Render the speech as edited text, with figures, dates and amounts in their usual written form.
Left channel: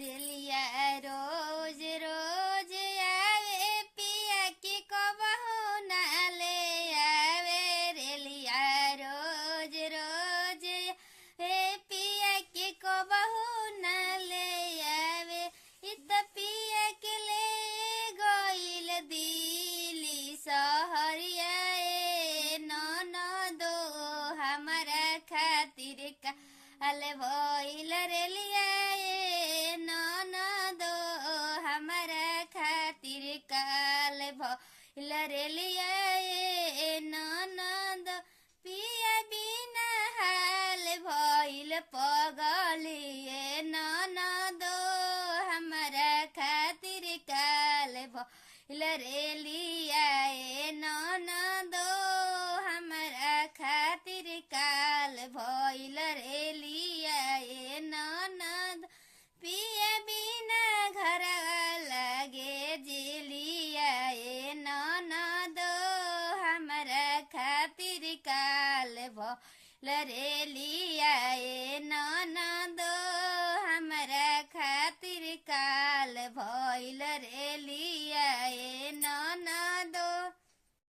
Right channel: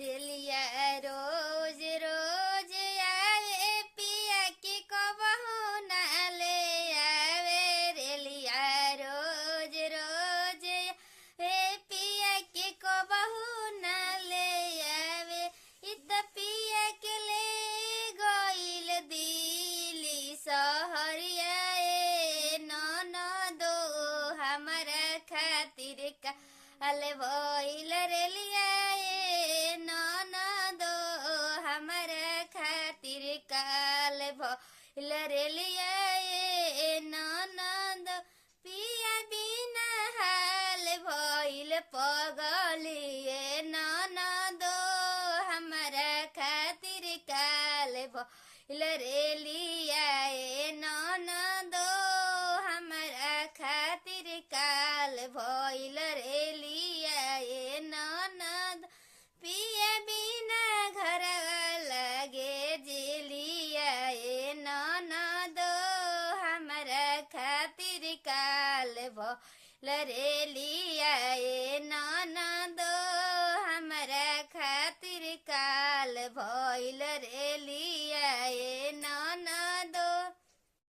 रेलिया रोज रोज आवे पिया की कबहू ना ले आवे रेलिया रोज रोज हे पिया की कबहू ना ले आवे इत पिया के ले गइल दिली सहरिया ननदो हमारा खातिर का अले भइल रेलिया ननदो हमारा खातिर काल भइल रेलिया ननदो पिया बिना हाल भइल पगलिए ननदो हमारा खातिर काल भइल रेलिया ननदो हमारा खातिर काल भइल रेलिया ननद पिया बिना घर लागे जिलिया ननदो हमारा खातिर काल भइल रेलिया ननदो